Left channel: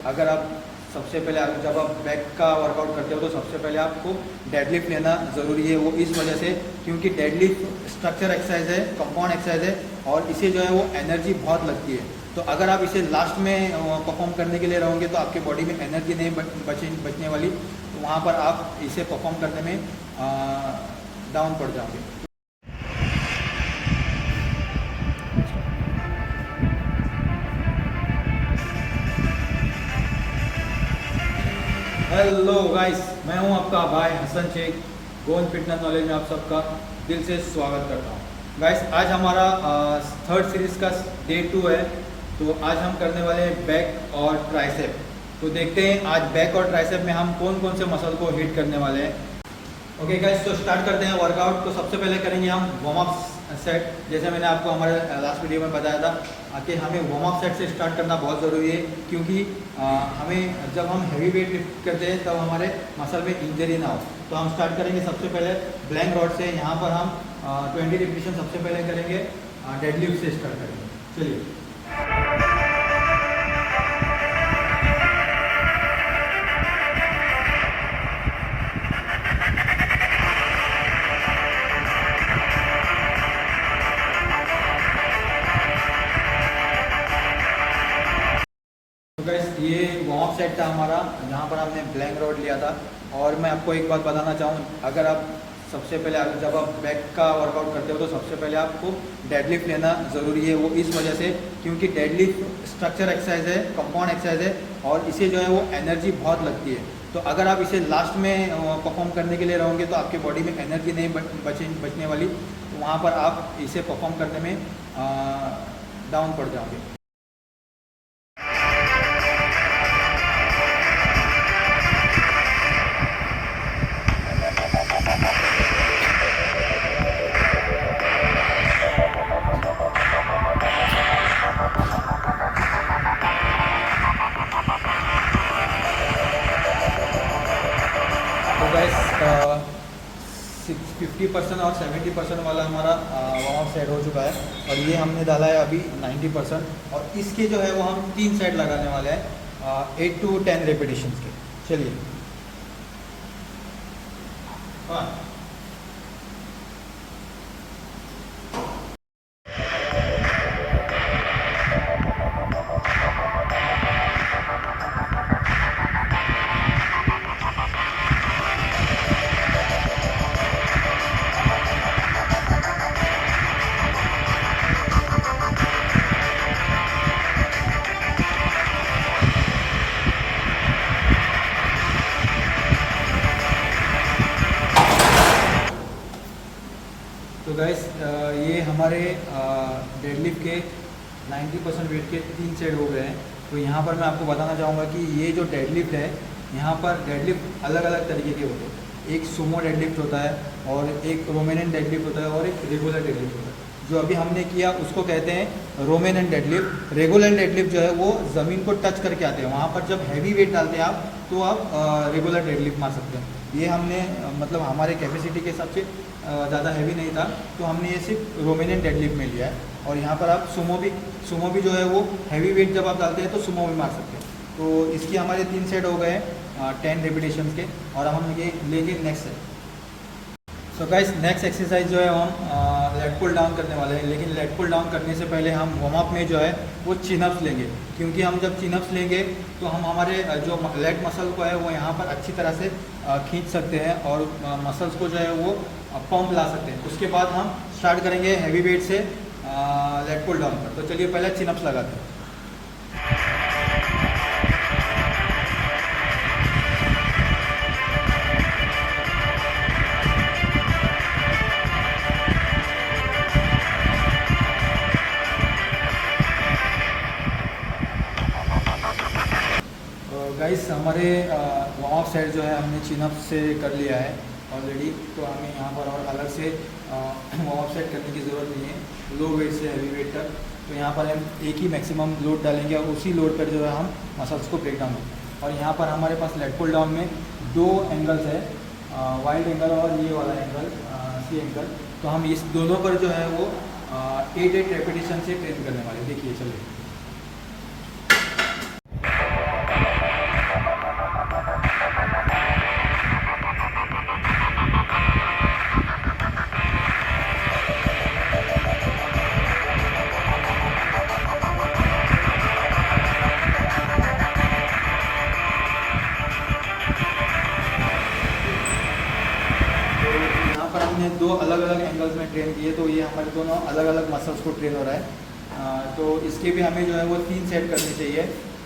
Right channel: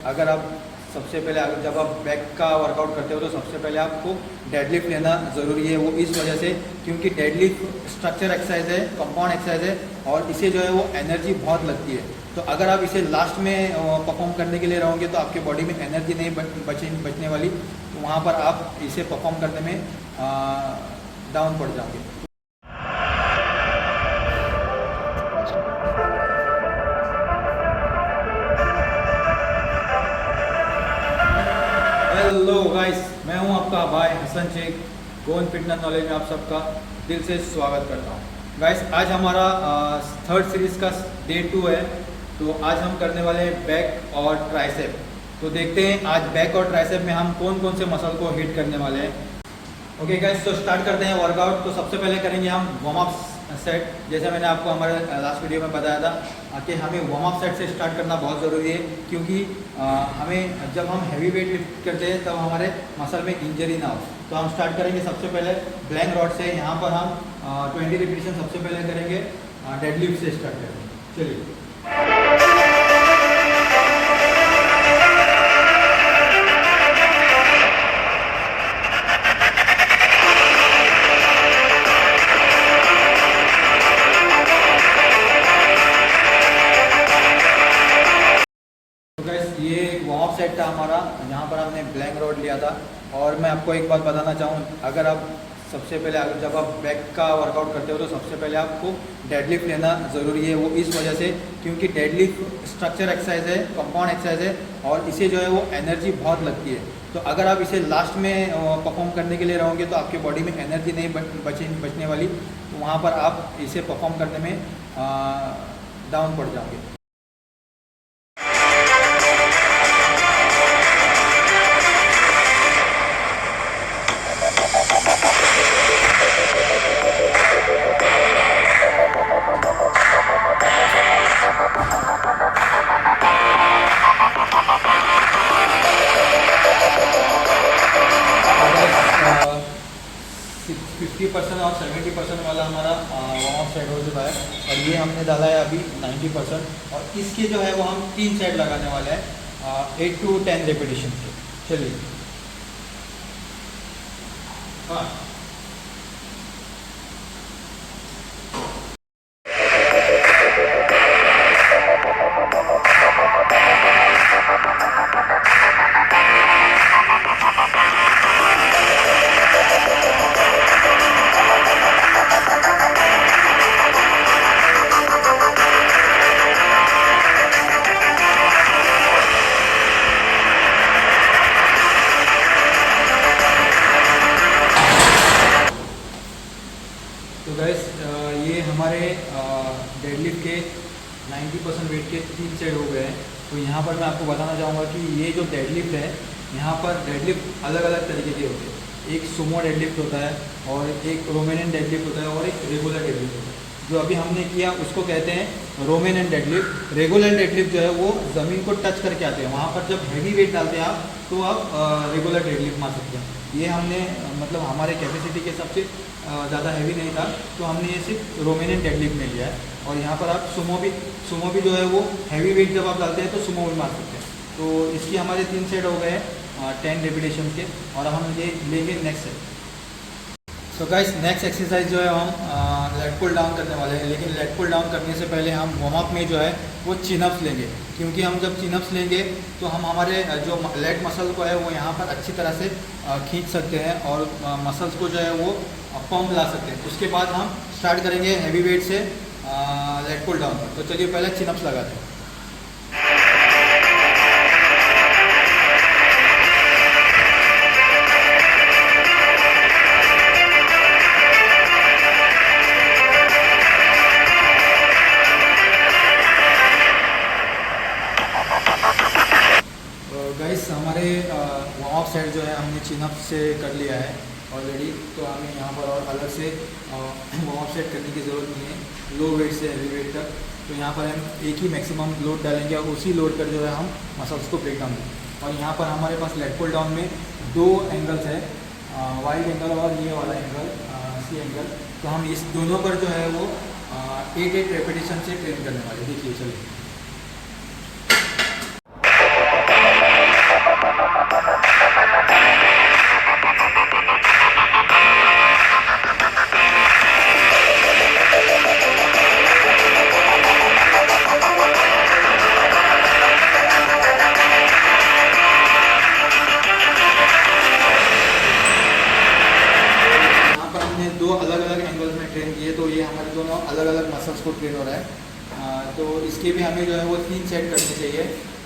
अगर आप सबसे पहले जब आप बैक का वर्कआउट करते हो तो सबसे पहले आपको डेडलिफ्ट लेना ज़रूरी है। वो इस वजह से क्योंकि डेडलिफ्ट स्ट्रक्चर एक्सरसाइज है, कंपाउंड एक्सरसाइज है और इसे जो है वो एनर्जी बहुत लगती है। तो अगर आप इसे लास्ट में परफॉर्म करने के लिए रहोगे तो आपके बॉडी में एनर्जी नहीं बचने वाली, तो वहाँ पर आप इसे परफॉर्म करने में डाउन पड़ जाओगे। हेलो गाइस, मैं हूं आपका भाई हसन शेख। गोन फिटनेस नॉलेज में आप सबका दिल से स्वागत करता हूं। गाइस, आज हमारा थर्ड सीरीज़ का डे 2 है। तो आज हम करने वाले हैं बैक और ट्राइसेप। तो देखते हैं आज बैक और ट्राइसेप में हम कौन कौन से मसल को हिट करने वाले हैं। ओके गाइस, तो स्टार्ट करते हैं वर्कआउट। तो सबसे पहले करेंगे हम वार्म अप सेट। जैसे मैंने आपको हमारे लास्ट वीडियो में बताया था कि हमें वार्म अप सेट से स्टार्ट करना बहुत ज़रूरी है, क्योंकि हमें जब हम हैवी वेट लिफ्ट करते हैं तब हमारे मसल में इंजरी ना हो। तो हम स्टार्ट करेंगे सबसे पहले ब्लैंक रॉड से। यहाँ पर हम 20 रिपीटेशन सबसे पहले करेंगे, डेडलिफ्ट से स्टार्ट करेंगे। चलिए। तो गाइस, ये वार्म अप सेट था हमारा, यहाँ पर हमने ब्लैंक रॉड लिया था। और मैं आपको एक बात बताना चाहूँ, अगर आप सबसे पहले जब आप बैक का वर्कआउट करते हो तो सबसे पहले आपको डेडलिफ्ट लेना ज़रूरी है। वो इस वजह से क्योंकि डेडलिफ्ट स्ट्रक्चर एक्सरसाइज है, कंपाउंड एक्सरसाइज है और इसे जो है वो एनर्जी बहुत लगती है। तो अगर आप इसे लास्ट में परफॉर्म करने के लिए रहोगे तो आपके बॉडी में एनर्जी नहीं बचने वाली, तो वहाँ पर आप इसे परफॉर्म करने में डाउन पड़ जाओगे। तो गाइस, 50% और 70% वाला हमारा वार्म अप सेट हो चुका है और ये हमने डाला है अभी 90%। और इसके जो है वो हम 3 सेट लगाने वाले हैं 8 to 10 रेपिटेशन के। चलिए। हाँ, तो गाइस, ये हमारे डेडलिफ्ट के 90% वेट के 3 सेट हो गए हैं। तो यहाँ पर मैं आपको बताना चाहूँगा कि ये जो डेडलिफ्ट है, यहाँ पर डेडलिफ्ट अलग अलग तरीके के होते हैं। एक सुमो डेडलिफ्ट होता है और एक रोमेनियन डेडलिफ्ट होता है और एक रेगुलर डेडलिफ्ट होता है। जो अभी हमने किया उसको कहते हैं रोमेनियन डेडलिफ्ट। रेगुलर डेडलिफ्ट जो है वो ज़मीन को टच करके आते हैं। वहाँ पर जब हैवी वेट डालते हैं आप तो आप रेगुलर डेडलिफ्ट मार सकते हैं। ये हमने मतलब हमारे कैपेसिटी के हिसाब से ज़्यादा हैवी नहीं था, तो हमने ये सिर्फ रोमेनियन डेडलिफ्ट में लिया है। और यहाँ पर आप सुमो भी जो है वो हैवी वेट जब आप डालते हैं तो सुमो भी मार सकते हैं। तो इसकी हमारे 3 सेट हो गए 10 रेपिटेशन के। और हम ये लेंगे नेक्स्ट सेट। तो गाइस, नेक्स्ट एक्सरसाइज जो है हम लेट पुल डाउन करने वाले हैं। लेकिन लेट पुल डाउन करने से पहले हम वार्म अप में जो है वो चिन अप्स लेंगे, क्योंकि हम जब चिन अप्स लेंगे तो हम हमारे जो लेट मसल को है वो यहाँ पर अच्छी तरह से खींच सकते हैं और मसल्स को जो है वो पंप ला सकते हैं। उसके बाद हम स्टार्ट करेंगे हैवी वेट से लेट पुल डाउन पर। तो चलिए पहले चिन अप्स लगाते हैं। गाइस, हमारे वार्म अप सेट जो है हमने चिन अप से कर लिया है ऑलरेडी। तो हमें यहाँ पर और अलग से वार्म अप सेट करने की ज़रूरत नहीं है, लो वेट से हैवी वेट तक। तो यहाँ पर हम एक ही मैक्सिमम लोड डालेंगे और उसी लोड पर जो है हम मसल्स को ब्रेक डाउन करेंगे। और यहाँ पर हमारे पास लेट पुल डाउन में 2 एंगल्स है, वाइड एंगल और ये वाला एंगल सी एंगल। तो हम इस दोनों पर जो है वो 8 रेपिटेशन से ट्रेन करने वाले। देखिए, चलिए। दोनों अलग अलग मसल्स को ट्रेन हो रहा है। तो इसके भी हमें जो है वो 3 सेट करनी चाहिए,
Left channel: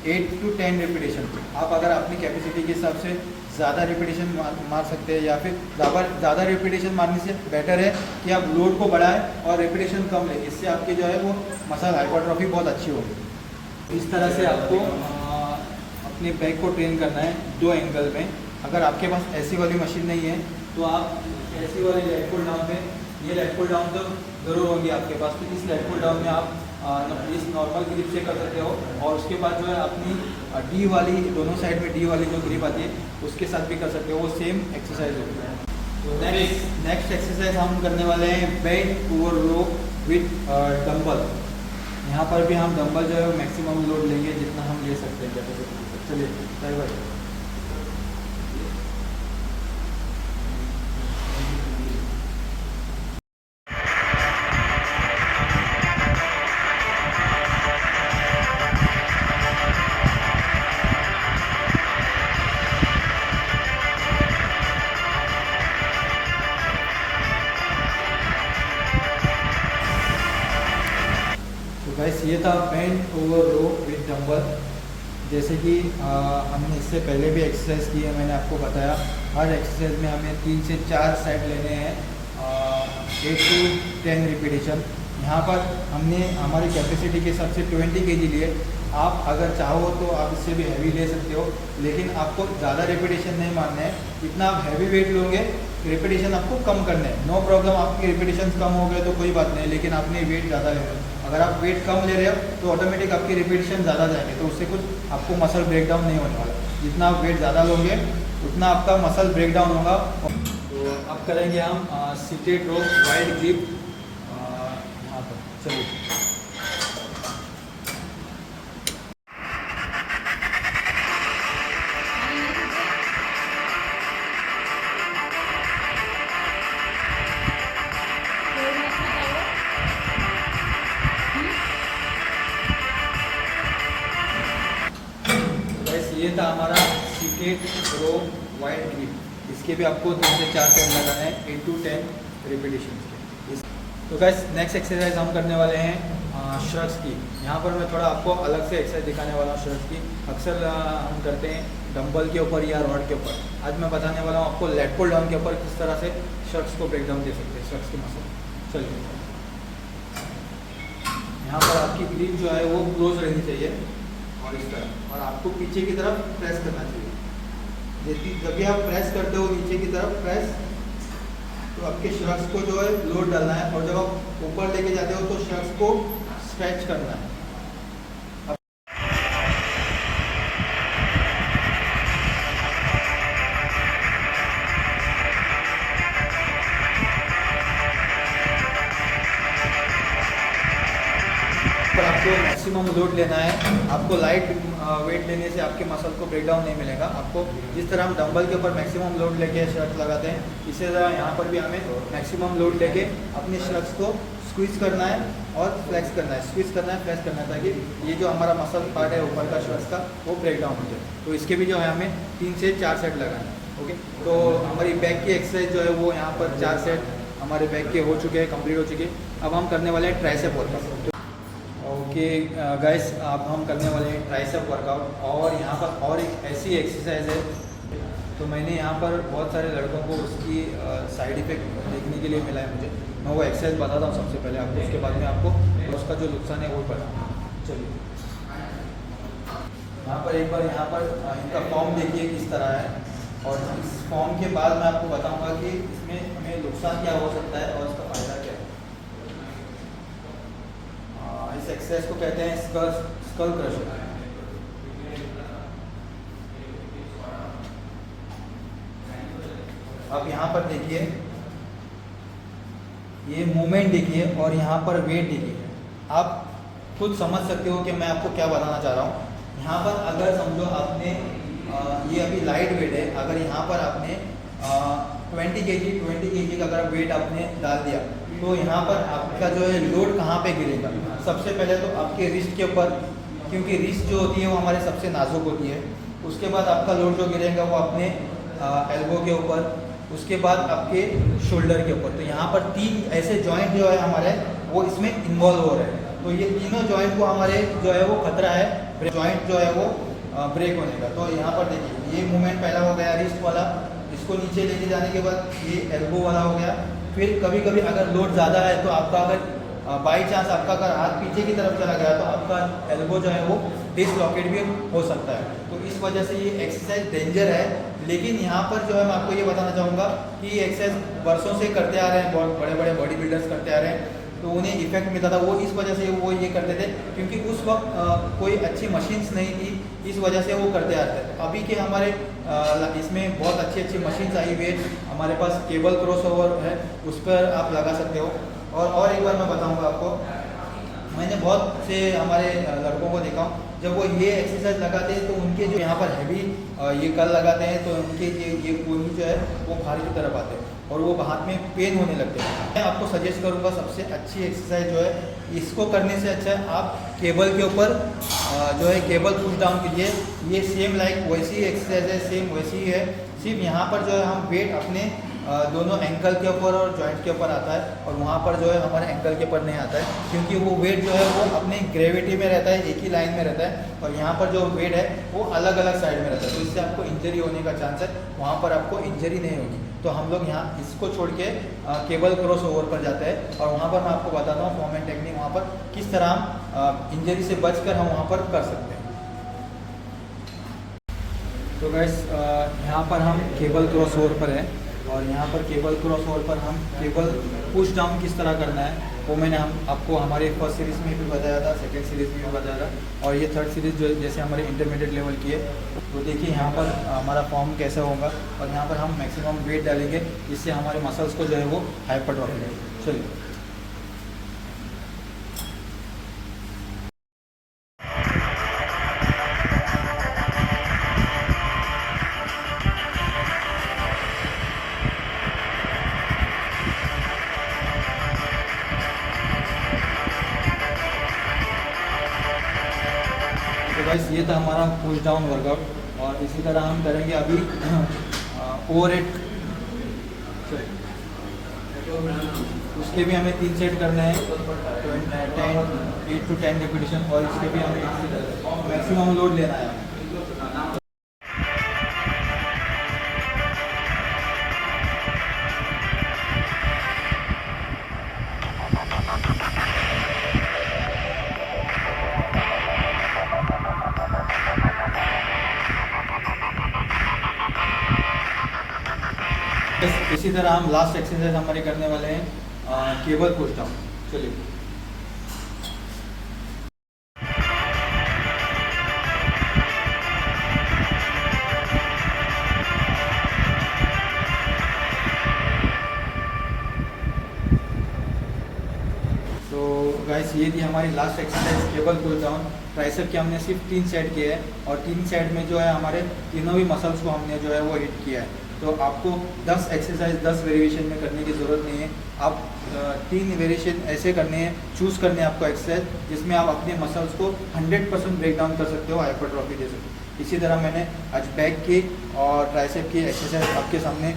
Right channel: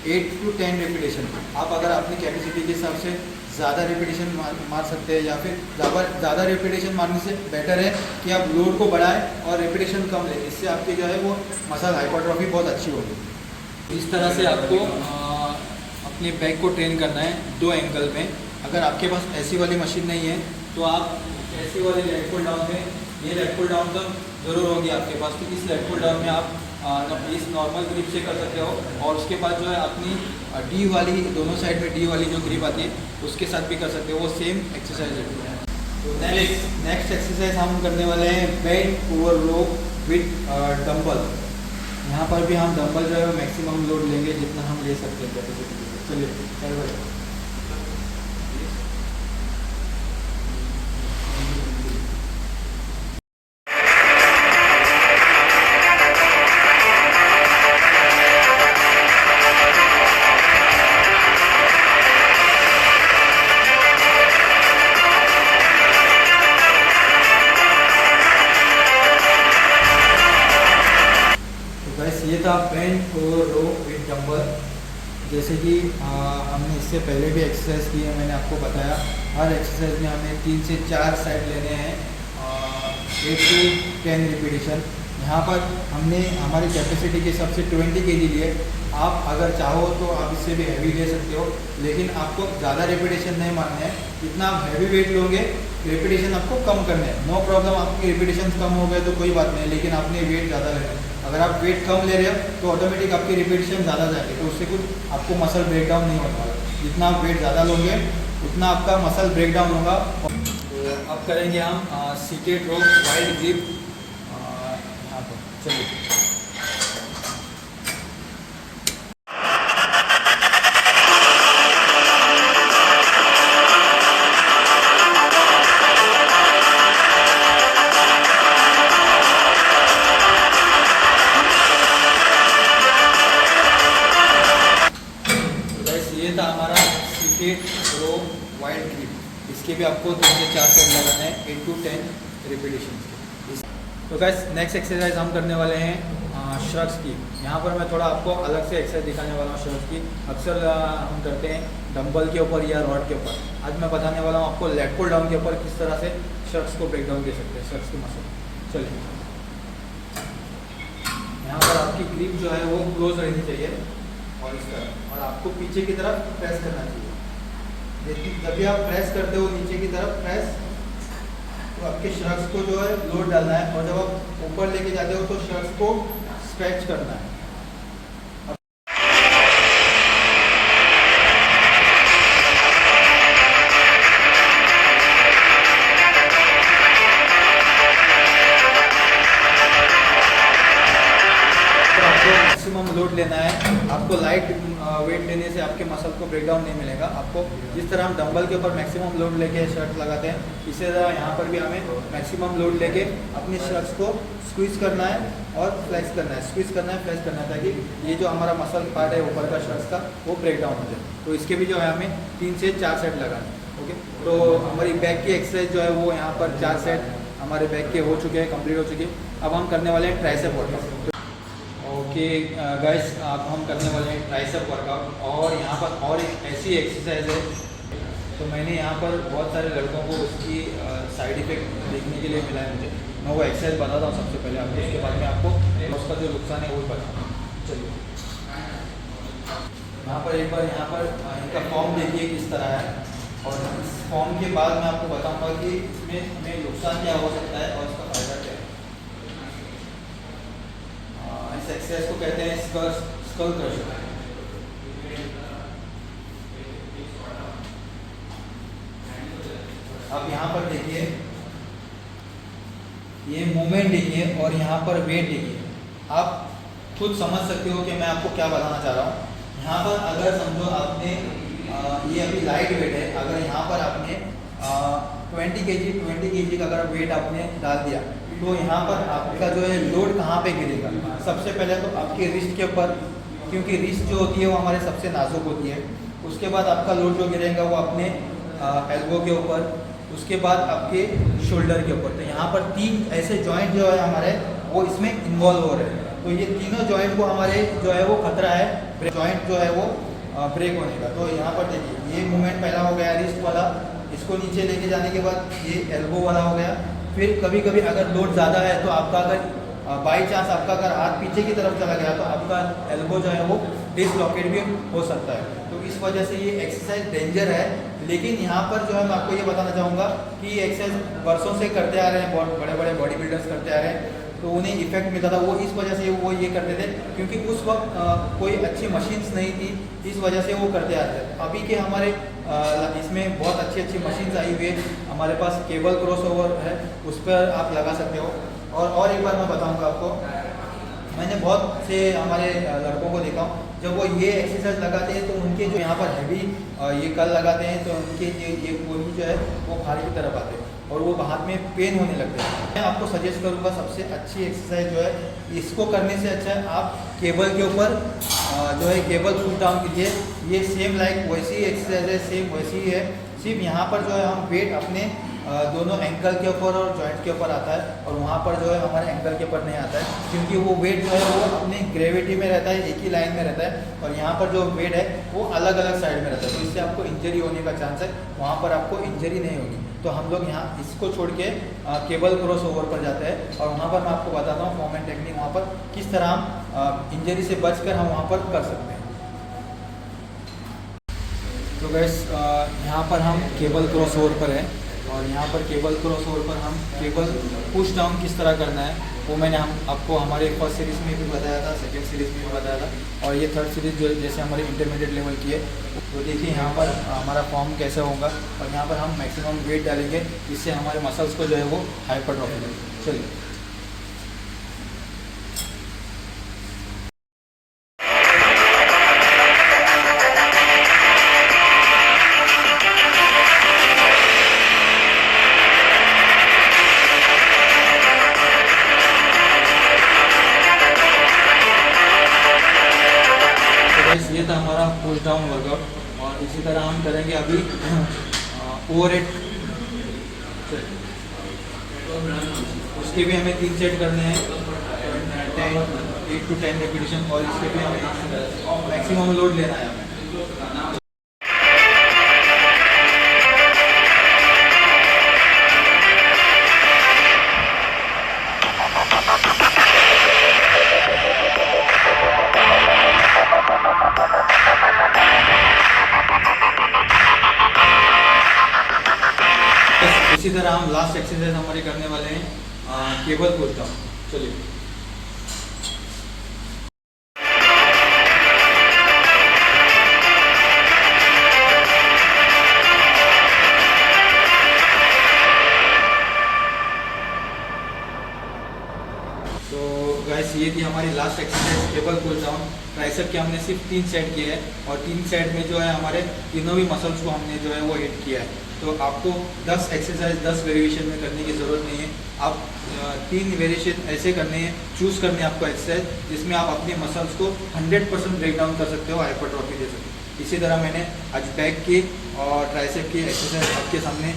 8 to 10 रेपिटेशन। आप अगर अपनी कैपेसिटी के हिसाब से ज़्यादा रेपिटेशन मार सकते हैं, या फिर ज़्यादा रेपिटेशन मारने से बेटर है कि आप लोड को बढ़ाएं और रेपिटेशन कम लें। इससे आपकी जो है वो मसल हाइपरट्रॉफी बहुत अच्छी होगी। इस तरह से आपको अपने बैक को ट्रेन करना है 2 एंगल में। अगर आपके पास ऐसी वाली मशीन नहीं है तो आप ऐसी वाली लेट पुल डाउन में, ये लेट पुल डाउन तो ज़रूर होगी आपके पास, तो इस लेट पुल डाउन में आप इस नॉर्मल ग्रिप से कर सकते हो। और उसके बाद जो है अपनी डी वाली, दोनों साइड में डी वाली जो ग्रिप आती है उसके साथ भी कर सकते हो, वो सेम एक्सरसाइज होती है। तो नेक्स्ट एक्सरसाइज हम करने वाले हैं bent over row with dumbbell. यहाँ पर भी हम डंबल जो है मैक्सिमम लोड लेंगे जितना हम ले सकते हैं कैपेसिटी। चलिए चल भाई। ये था bent over row with dumbbell. जैसे कि हमने इससे पहले भी एक्सरसाइज की है, मैंने आपको बताया हर एक्सरसाइज में हमें 3 से 4 सेट लेने हैं, 8 to 10 रिपीटेशन। यहाँ पर हमने हमारी कैपेसिटी के हिसाब से 20 kg लिए। आप अगर चाहो तो आप इससे भी हैवी ले सकते हो, लेकिन आपको ज़्यादा रेपिटेशन नहीं मारना है। जितना आप हैवी वेट लोगे रेपिटेशन आपको कम करने हैं। नो प्रॉब्लम, आपकी रेपिटेशन कम हो गए तो कोई बात नहीं, लेकिन आपने वेट ज़्यादा लेना है। अगर आप वेट कम ले रहे हो तो ऑटोमेटिक आपकी रिपीटेशन ज़्यादा जाएंगे, तो उससे कुछ आपको मसल ब्रेकडाउन नहीं होने वाला। जितना आप वेट ज़्यादा लोगे उतना आपका मसल ब्रेकडाउन होगा। तो अब करेंगे हम सीटेड रो वाइड ग्रिप यहाँ पर। चलिए ये था हमारा सीटेड रो वाइड ग्रिप। इसके भी आपको 3 से 4 सेट लगाना है, 8 to 10 रिपीटेशन के। तो गाइस नेक्स्ट एक्सरसाइज हम करने वाले हैं शर्ट्स की। यहाँ पर मैं थोड़ा आपको अलग से एक्सरसाइज दिखाने वाला हूँ शर्ट्स की। अक्सर हम करते हैं डंबल के ऊपर या रॉड के ऊपर। आज मैं बताने वाला हूँ आपको लेट पुल डाउन के ऊपर किस तरह से शर्ट्स को ब्रेक डाउन दे सकते हैं, शर्ट्स की मसल। चलिए, यहाँ पर आपकी ग्रिप जो है वो क्लोज रहनी चाहिए और इस तरह, और आपको पीछे की तरफ प्रेस करना चाहिए। जब भी आप प्रेस करते हो नीचे की तरफ प्रेस, तो आपके शर्ट्स को जो है लोड डालना है, और जब आप ऊपर लेके जाते हो तो शर्ट्स को स्ट्रेच करना है। तो आपको मैक्सिमम लोड लेना है। आपको लाइट वेट लेने से आपके मसल को ब्रेकडाउन नहीं मिलेगा। आपको जिस तरह हम डंबल के ऊपर मैक्सिमम लोड लेके शर्ट लगाते हैं, इसी तरह यहाँ पर भी हमें मैक्सिमम लोड लेके अपने शर्ट्स को स्क्वीज करना है और फ्लेक्स करना है, स्क्वीज करना है, फ्लेक्स करना है, ताकि ये जो हमारा मसल पार्ट है ऊपर का शर्ट्स का वो ब्रेकडाउन हो जाए। तो इसके भी जो है हमें 3 से 4 सेट लगाना है। ओके, तो हमारी बैक की एक्सरसाइज जो है वो यहाँ पर 4 सेट हमारे बैक के हो चुके हैं, कंप्लीट हो चुके हैं। अब हम करने वाले हैं ट्राइसेप वर्कआउट। ओके गाइस, अब हम करने वाले हैं ट्राइसेप वर्कआउट, और यहाँ पर और एक ऐसी एक्सरसाइज है। तो मैंने यहाँ पर बहुत सारे लड़कों को उसकी साइड इफ़ेक्ट देखने के लिए मिला है मुझे। मैं वो एक्सरसाइज बताता हूँ सबसे पहले आपको, उसके बाद में आपको उसका जो नुकसान है वो बताऊँ। चलिए, यहाँ पर एक बार यहाँ पर इनका फॉर्म देखिए किस तरह है, और इस फॉर्म के बाद मैं आपको बताऊँगा कि इसमें हमें नुकसान क्या हो सकता है और इसका फ़ायदा क्या है। इस एक्सरसाइज को कहते हैं स्कल क्रशर। अब यहाँ पर देखिए, ये मूवमेंट देखिए और यहाँ पर वेट देखिए। आप खुद समझ सकते हो कि मैं आपको क्या बताना चाह रहा हूँ। यहाँ पर अगर समझो आपने ये अभी लाइट वेट है, अगर यहाँ पर आपने 20 kg का अगर वेट आपने डाल दिया, तो यहाँ पर आपका जो है लोड कहाँ पे गिरेगा। सबसे पहले तो आपके रिस्ट के ऊपर, क्योंकि रिस्ट जो होती है वो हमारे सबसे नाजुक होती है। उसके बाद आपका लोड जो गिरेगा वो अपने एल्बो के ऊपर, उसके बाद आपके शोल्डर के ऊपर। तो यहाँ पर 3 ऐसे जॉइंट जो है हमारे वो इसमें इन्वॉल्व हो रहे हैं। तो ये तीनों जॉइंट को हमारे जो है वो खतरा है जॉइंट जो है वो ब्रेक होने का। तो यहाँ पर देखिए ये मूवमेंट पहला हो गया रिस्ट वाला, इसको नीचे लेके जाने के बाद ये एल्बो वाला हो गया। फिर कभी कभी अगर लोड ज़्यादा है तो आपका अगर बाई चांस आपका अगर हाथ पीछे की तरफ चला गया तो आपका एल्बो जो है वो डिसलॉकेट भी हो सकता है। तो इस वजह से ये एक्सरसाइज डेंजर है। लेकिन यहाँ पर जो है मैं आपको ये बताना चाहूँगा कि ये एक्सरसाइज वर्षों से करते आ रहे हैं, बहुत बड़े बड़े बॉडी बिल्डर्स करते आ रहे हैं, तो उन्हें इफेक्ट मिलता था। वो इस वजह से वो ये करते थे क्योंकि उस वक्त कोई अच्छी मशीन्स नहीं थी, इस वजह से वो करते आते थे। अभी के हमारे इसमें बहुत अच्छी अच्छी मशीन्स आई हुई है, हमारे पास केबल क्रॉसओवर है, उस पर आप लगा सकते हो। और एक बार मैं बताऊंगा आपको, मैंने बहुत से हमारे लड़कों को देखा हूँ जब वो ये एक्सरसाइज लगाते हैं तो उनके जो यहाँ पर हैवी ये कल लगाते हैं तो उनके ये कोहनी जो है वो भारी की तरफ आते हैं और वो हाथ में पेन होने लगते हैं। मैं आपको सजेस्ट करूँगा सबसे अच्छी एक्सरसाइज जो है, इसको करने से अच्छा है आप केबल के ऊपर जो है केबल पुश डाउन कीजिए। ये सेम लाइक वैसी एक्सरसाइज है, सेम वैसी ही है, सिर्फ यहाँ पर जो है हम वेट अपने दोनों एंकल के ऊपर और जॉइंट के ऊपर आता है और वहाँ पर जो है हमारे एंकल के ऊपर नहीं आता है क्योंकि वो वेट जो है वो अपने ग्रेविटी में रहता है, एक ही लाइन में रहता है और यहाँ पर जो वेट है वो अलग अलग साइड में रहता है। तो इससे आपको इंजरी होने का चांस है, वहाँ पर आपको इंजरी नहीं होगी। तो हम लोग यहाँ इसको छोड़ के केबल क्रॉस ओवर पर जाते हैं और वहाँ पर मैं आपको बताता हूँ फॉर्म एंड टेक्निक, वहाँ पर किस तरह हम इंजरी से बचकर हम वहाँ पर कर सकते हैं। तो गैस यहाँ पर हम केबल क्रॉस ओवर पर है और यहाँ पर केबल क्रॉस ओवर पर हम केबल पुश डाउन किस तरह करना है वो मैंने आपको हमारे फर्स्ट सीरीज़ में भी बताया था, सेकेंड सीरीज़ में भी बताया था और ये थर्ड सीरीज़ जो जैसे हमारे इंटरमीडिएट लेवल की है। तो देखिए यहाँ पर हमारा फॉर्म कैसा होगा और यहाँ पर हम मैक्सिमम वेट डालेंगे, इससे हमारे मसल्स को जो है वो हाइपरट्रॉफी देंगे। चलिए ये था हमारा पुश डाउन वर्कआउट और इसी तरह हम करेंगे अभी ओवरहेड। उसके भी हमें 3 सेट करने हैं, 8 to 10 रिपीटिशन और इसके भी हमें मैक्सिमम लोड लेना है। इसी तरह हम लास्ट एक्सरसाइज हमारे करने वाले हैं केबल पुश डाउन। चलिए तो गाइस ये थी हमारी last exercise cable push down. Tricep के हमने सिर्फ 3 सेट किए हैं और 3 सेट में जो है हमारे तीनों भी मसल्स को हमने जो है वो हिट किया है। तो आपको 10 एक्सरसाइज 10 वेरिएशन में करने की ज़रूरत नहीं है, आप 3 वेरिएशन ऐसे करने हैं, चूज़ करने हैं आपको एक्सरसाइज जिसमें आप अपने मसल्स को 100% ब्रेक डाउन कर सकते हो, हाइपरट्रॉफी दे सकते हो। इसी तरह मैंने आज बैक की और ट्राइसेप की एक्सरसाइज आपके सामने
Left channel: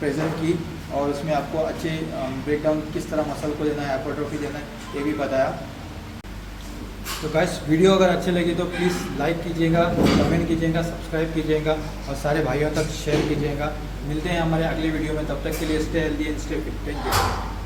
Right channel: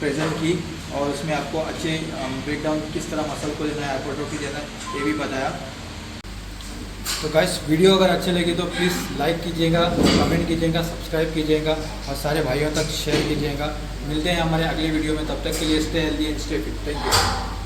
प्रेजेंट की और उसमें आपको अच्छे ब्रेक डाउन किस तरह मसल को देना है, हाइपरट्रॉफी देना है, ये भी बताया। तो गाइस वीडियो अगर अच्छे लगे तो प्लीज़ लाइक कीजिएगा, कमेंट कीजिएगा, सब्सक्राइब कीजिएगा और सारे भाइयों तक शेयर कीजिएगा। मिलते हैं हमारे अगले वीडियो में, तब तक के लिए stay healthy and stay fit. Thank you.